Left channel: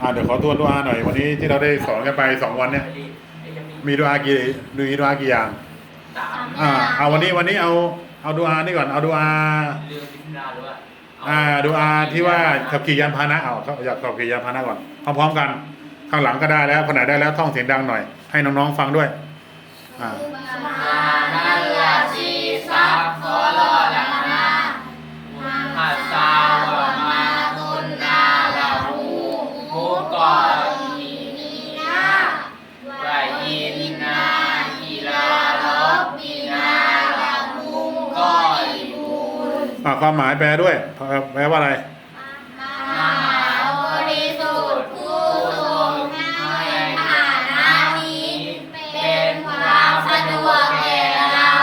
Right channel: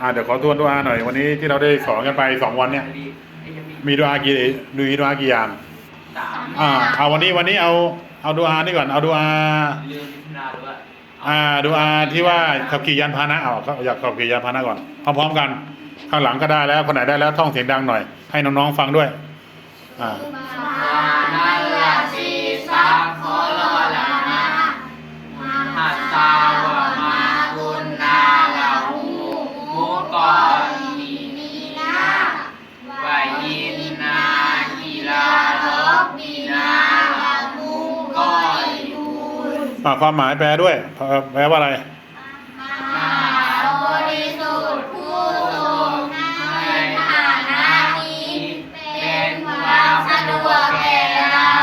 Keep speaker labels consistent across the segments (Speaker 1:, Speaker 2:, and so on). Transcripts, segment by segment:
Speaker 1: อ่าเดี๋ยวขอทวนดูอาหน่อย วันนี้ที่เราได้สอนกันไปสองวันเนี่ย
Speaker 2: ไอ้ยังมี
Speaker 1: ดูอากี่มีดูอากี่อย่างอ่าเอาวันนี้วันนี้เอาเอาดูอานี่ก่อนเอาดูอา
Speaker 2: อ่า
Speaker 1: ดูอาที่ว่าขับขี่ยานพาหนะเอาเขาอยากขับขี่ยานพาหนะก่อนพร้อมๆกัน ข้างหลังก็ได้แล้วคนไหนได้แล้วท่องเสียงดังหน่อย ให้น้องๆฟังด้วย อ่า
Speaker 2: นาลาซีซักโคโล อ่า
Speaker 1: ความหมายแปลด้วย แปลว่าอะไร
Speaker 3: มหาบริสุทธิ์ผู้ทรงให้ฐานะนี้เป็นความสะดวกแก่เรา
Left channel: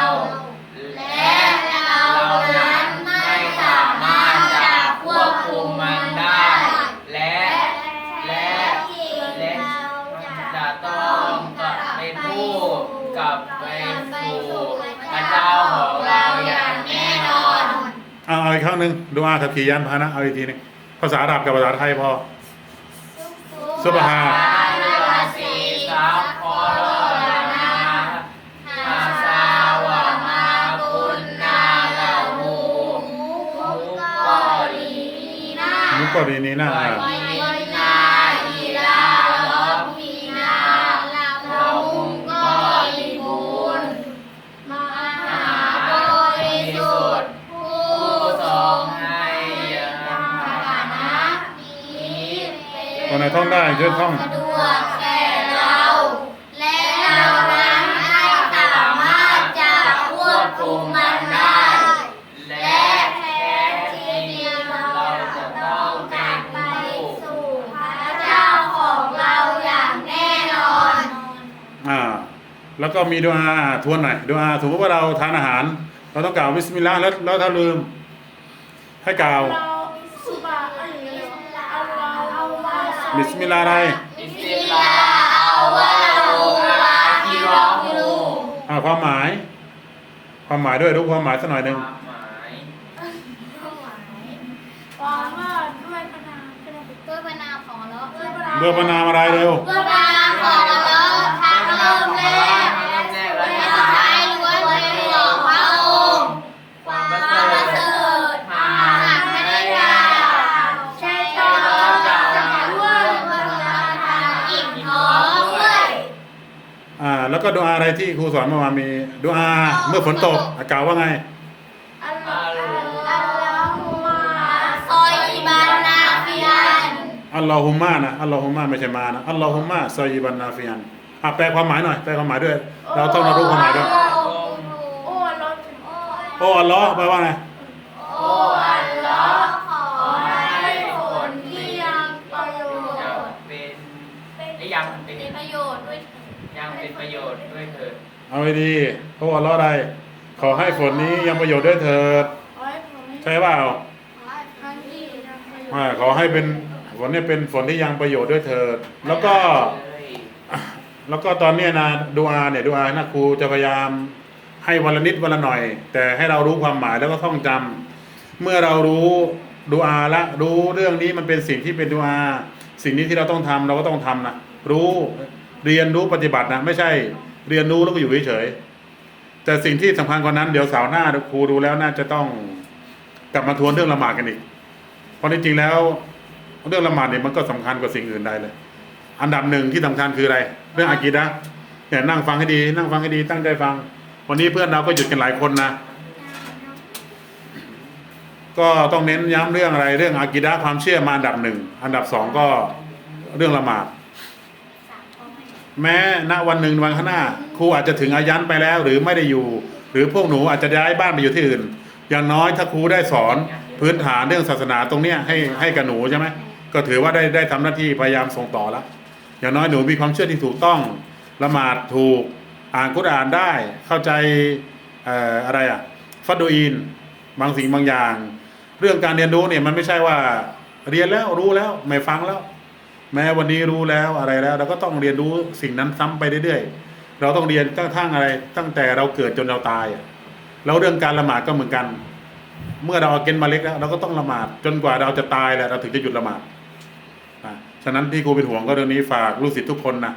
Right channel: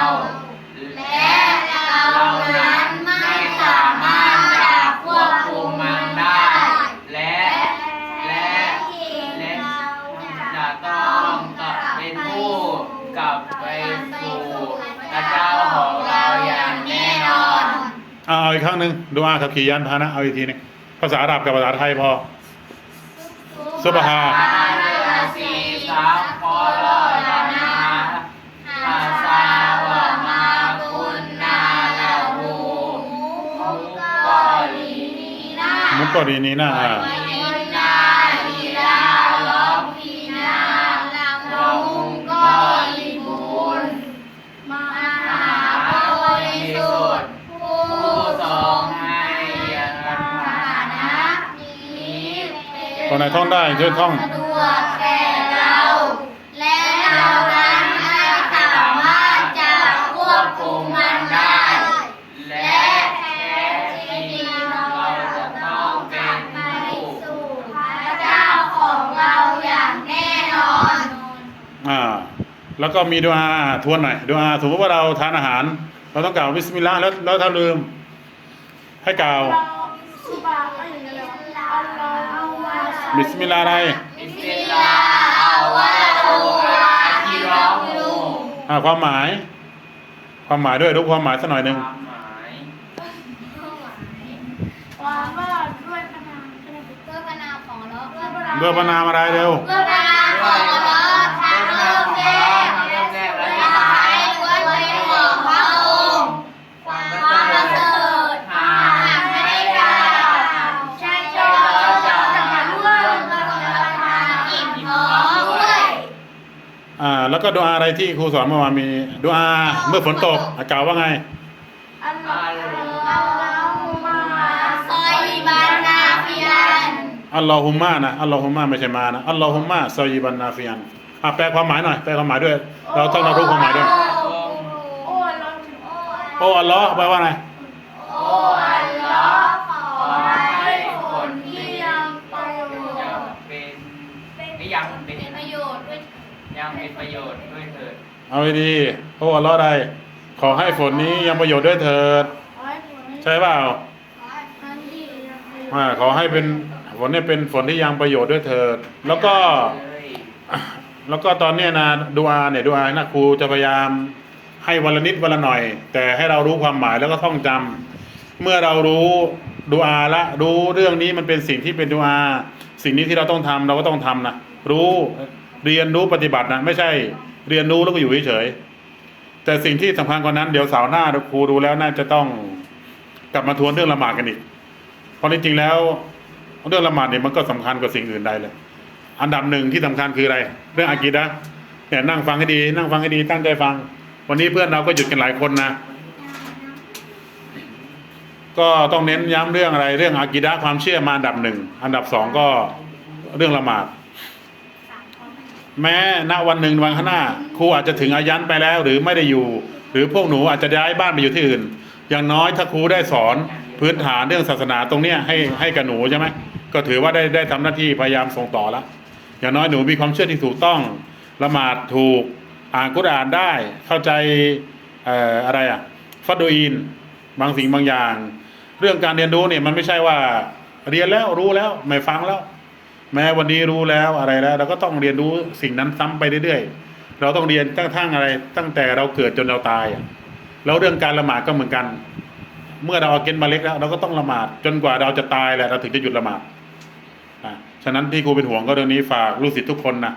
Speaker 3: และเรานั้นไม่สามารถจะควบคุมมันได้
Speaker 2: และ และและจะต้องกลับเป็นผู้กลับไปสู่พระเจ้า เอา
Speaker 1: เอาอีกครั้งหนึ่งดูอาขับขี่ยานพาหนะเอาอีกทีหนึงภาษาอาหรับกับภาษาไทยพอซุบฮา
Speaker 2: ลาซีซับพอลอลานาอาซาวะมาคุนนาลาหูมุกกอลีนีนา
Speaker 1: มุกกอรีนีนะอ่า คนไหนท่องได้ช่วยท่อง
Speaker 3: สะดวกแก่เรา และเรานั้นไม่สามารถจะควบคุมมันได้
Speaker 2: และแท้จริงเราจะต้องเป็นผู้
Speaker 3: สู่พระเจ้าของเราอย่างแน่นอน
Speaker 1: อ่า แล้วก็มีดูอาทวนหน่อยดูอาสมมติว่าเราทานอาหาร เราต้องกล่าวบิสมิลลาห์แล้วแล้วถ้าลืม ให้กล่าว
Speaker 3: สุบะอะ
Speaker 1: บิสมิลลาห์อะไร
Speaker 2: บิสมิลลาห์อัลวะฮูอาฮิรอฮู
Speaker 1: อ่าความหมาย ความหมายด้วยรู้ความหมายสักหน่อยหนึ่ง
Speaker 2: ความหมาย
Speaker 3: ความว่าด้วยพระนามด้วยพระนามของเรา
Speaker 1: เบื่อพนามอะไรเร็ว
Speaker 3: ด้วยพระนามของ
Speaker 1: แล้วก็ดูอาอะไรที่ครูสอนเมื่อวานมีดูอาเมื่อฝนตกอะกล่าวว่าไง
Speaker 3: อัลลอฮุมะซอยบานาฟิยัน
Speaker 1: อัลลอฮุมมานะอัลลอฮุมมาไม่ใช่มานะอัลลอฮุมมาซอยีบันนาฟิยันอะแปลความหมายหน่อยแปลความหมายด้วย เราต้องเรารู้ความหมายด้วย
Speaker 3: โอ้ลด
Speaker 1: โอ้อัลลอฮ์แปลว่าไง
Speaker 3: โอ้อัลลอฮ์ขอให้ผลที่ยังประโย
Speaker 2: จะ
Speaker 3: ชน์
Speaker 2: เป็นไอ้ยังเป็น
Speaker 3: เป็นประโยชน์ด้วย
Speaker 2: ยังเป็นประโยชน์ด้วยเถิด
Speaker 1: เอาให้ดีโอ้อัลลอฮ์ใดขอให้ฝนนี้ยังประโยชน์ด้วยเถิด
Speaker 3: ขอให้ผลนี้
Speaker 1: ใช่เปล่า
Speaker 3: ขอให้ทั้งที่นะ
Speaker 1: อ่าขอให้เป็นฝนนี้เป็นฝนที่ยังประโยชน์ด้วยเถิด แล้วก็แล้วก็ตอนเนี้ยนะดูอาเนี่ยดูอานะครูจะพยายามให้วันละนิดวันละหน่อย แต่ให้เรารู้ความหมายแล้วก็ท่องจำเมื่อเรารู้ดูอาละรู้เรื่องนี้มันเป็นสิ่งที่เป็นดูอา สิ่งนี้ที่เราต้องทำเราก็ต้องทำนะรู้ เรียนรู้ปฏิบัตินะไม่ใช่ เรียนรู้แล้วก็อยู่เฉยๆแต่สิ่งที่สำคัญกว่านั้นเดี๋ยวสาร์หน้าครูดูแล้วน่าจะต้องกลับมาทวนเรื่องละหมาดกันอีก เพราะจริงๆแล้ว เรื่องละหมาดเนี่ยมันก็สำคัญกว่าสิ่งอื่นใดเลย อันดับหนึ่งที่สำคัญคืออะไร เรื่องอากีดะเนี่ยนั่งฟังให้ดี นั่งฟังให้ดีตั้งใจฟัง วันนี้เพื่อนเราก็หยุดกันหลายคนนะก็ต้องเน้นย้ำเรื่องอะไร เรื่องอากีดะความเชื่อมาอันดับหนึ่งอันดับสองก็เรื่องละหมาด แม้ณวันหนึ่งวันข้างหน้าครูอาจจะถึงอายันไปแล้วหรือไม่ได้อยู่ หรือพวกหนูอาจจะย้ายบ้านไปอยู่ที่อื่น อย่างน้อยถ้าครูได้สอนพื้นฐานเรื่องศาสนาตรงเนี้ยให้ให้กับหนูใช่ไหมก็ถือว่าได้ได้ทำหน้าที่พยายามส่งต่อแล้วอย่างน้อยหนูมีความเชื่อที่ถูกต้องละหมาดถูกอ่านกุรอานได้เข้าใจอออะไรอะฟัดดูอีนบางสิ่งบางอย่าง เรื่องการเรียนรู้เนี่ยมันไม่ใช่ว่าเรียนแล้วรู้แล้วไม่ฟังแล้ว แม้วันนี้รู้แล้วอะไรแล้ว เราก็ต้องเรียนรู้สิ่งนั้นซ้ำไปเรื่อยๆ เราต้องเรียนตั้งทั้งอะไร ตั้งแต่เราเกิดจนเราตายอะแล้วเรื่องการละหมาดก็เหมือนกัน เมื่อเราเอาเกณฑ์มาเล็กแล้ว เราก็ต้องละหมาดจนกว่าเราจะตายแหละเราถึงจะหยุดละหมาดอะฉะนั้นที่ครูเป็นห่วงก็เรื่องนี้ฝากลูกศิษย์ทุกคนนะ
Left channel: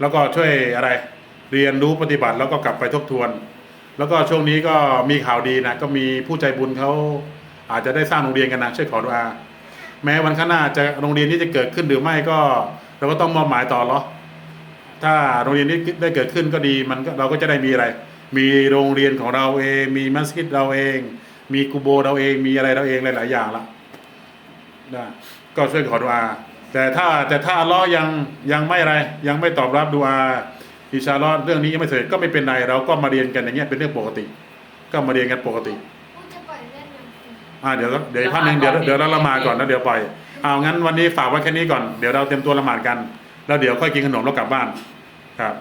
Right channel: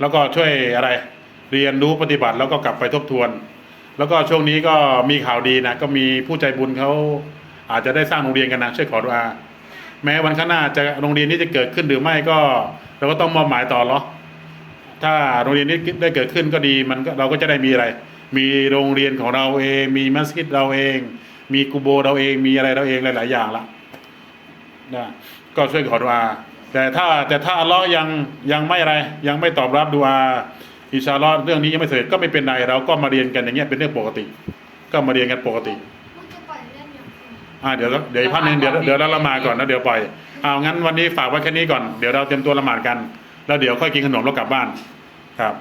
Speaker 1: แล้วก็ช่วยอะไร เรียนรู้ปฏิบัติแล้วก็กลับไปทบทวน แล้วก็ช่วงนี้ก็มีข่าวดีนะก็มีผู้ใจบุญเขาอาจจะได้สร้างโรงเรียนกันนะช่วยขอดุอา แม้วันข้างหน้าจะโรงเรียนนี้จะเกิดขึ้นหรือไม่ก็ เราก็ต้องมอบหมายต่อหรอถ้าโรงเรียนนี้ได้เกิดขึ้นก็ดีมันเราก็จะได้มีอะไร มีโรงเรียนของเราเอง มีมัสยิดเราเอง มีกูโบเราเอง มีอะไรเราเองหลาย ๆ อย่างละนะก็ช่วยขอดุอาแต่ถ้าแต่ถ้าอัลลอฮ์ยังยังไม่อะไรยังไม่ตอบรับดุอาอิชาลอฮ์เรื่องนี้ยังไม่เสร็จก็ไม่เป็นไรเราก็มาเรียนกันอย่างเงี้ยเป็นเรื่องปกติ ก็มาเรียนกันปกติ
Speaker 3: จะปล่อยเล่น อย่าง
Speaker 1: อ่าเดี๋ยวเดี๋ยวอีกพักหนึ่งเดี๋ยวเดี๋ยวเราละหมาดก่อนแล้วเดี๋ยวปล่อยเอางั้นวันนี้ฝากไว้แค่นี้ก่อนเดี๋ยวเราเตรียมตัวละหมาดกัน แล้วเดี๋ยวค่อยกินขนมแล้วกลับบ้านครับ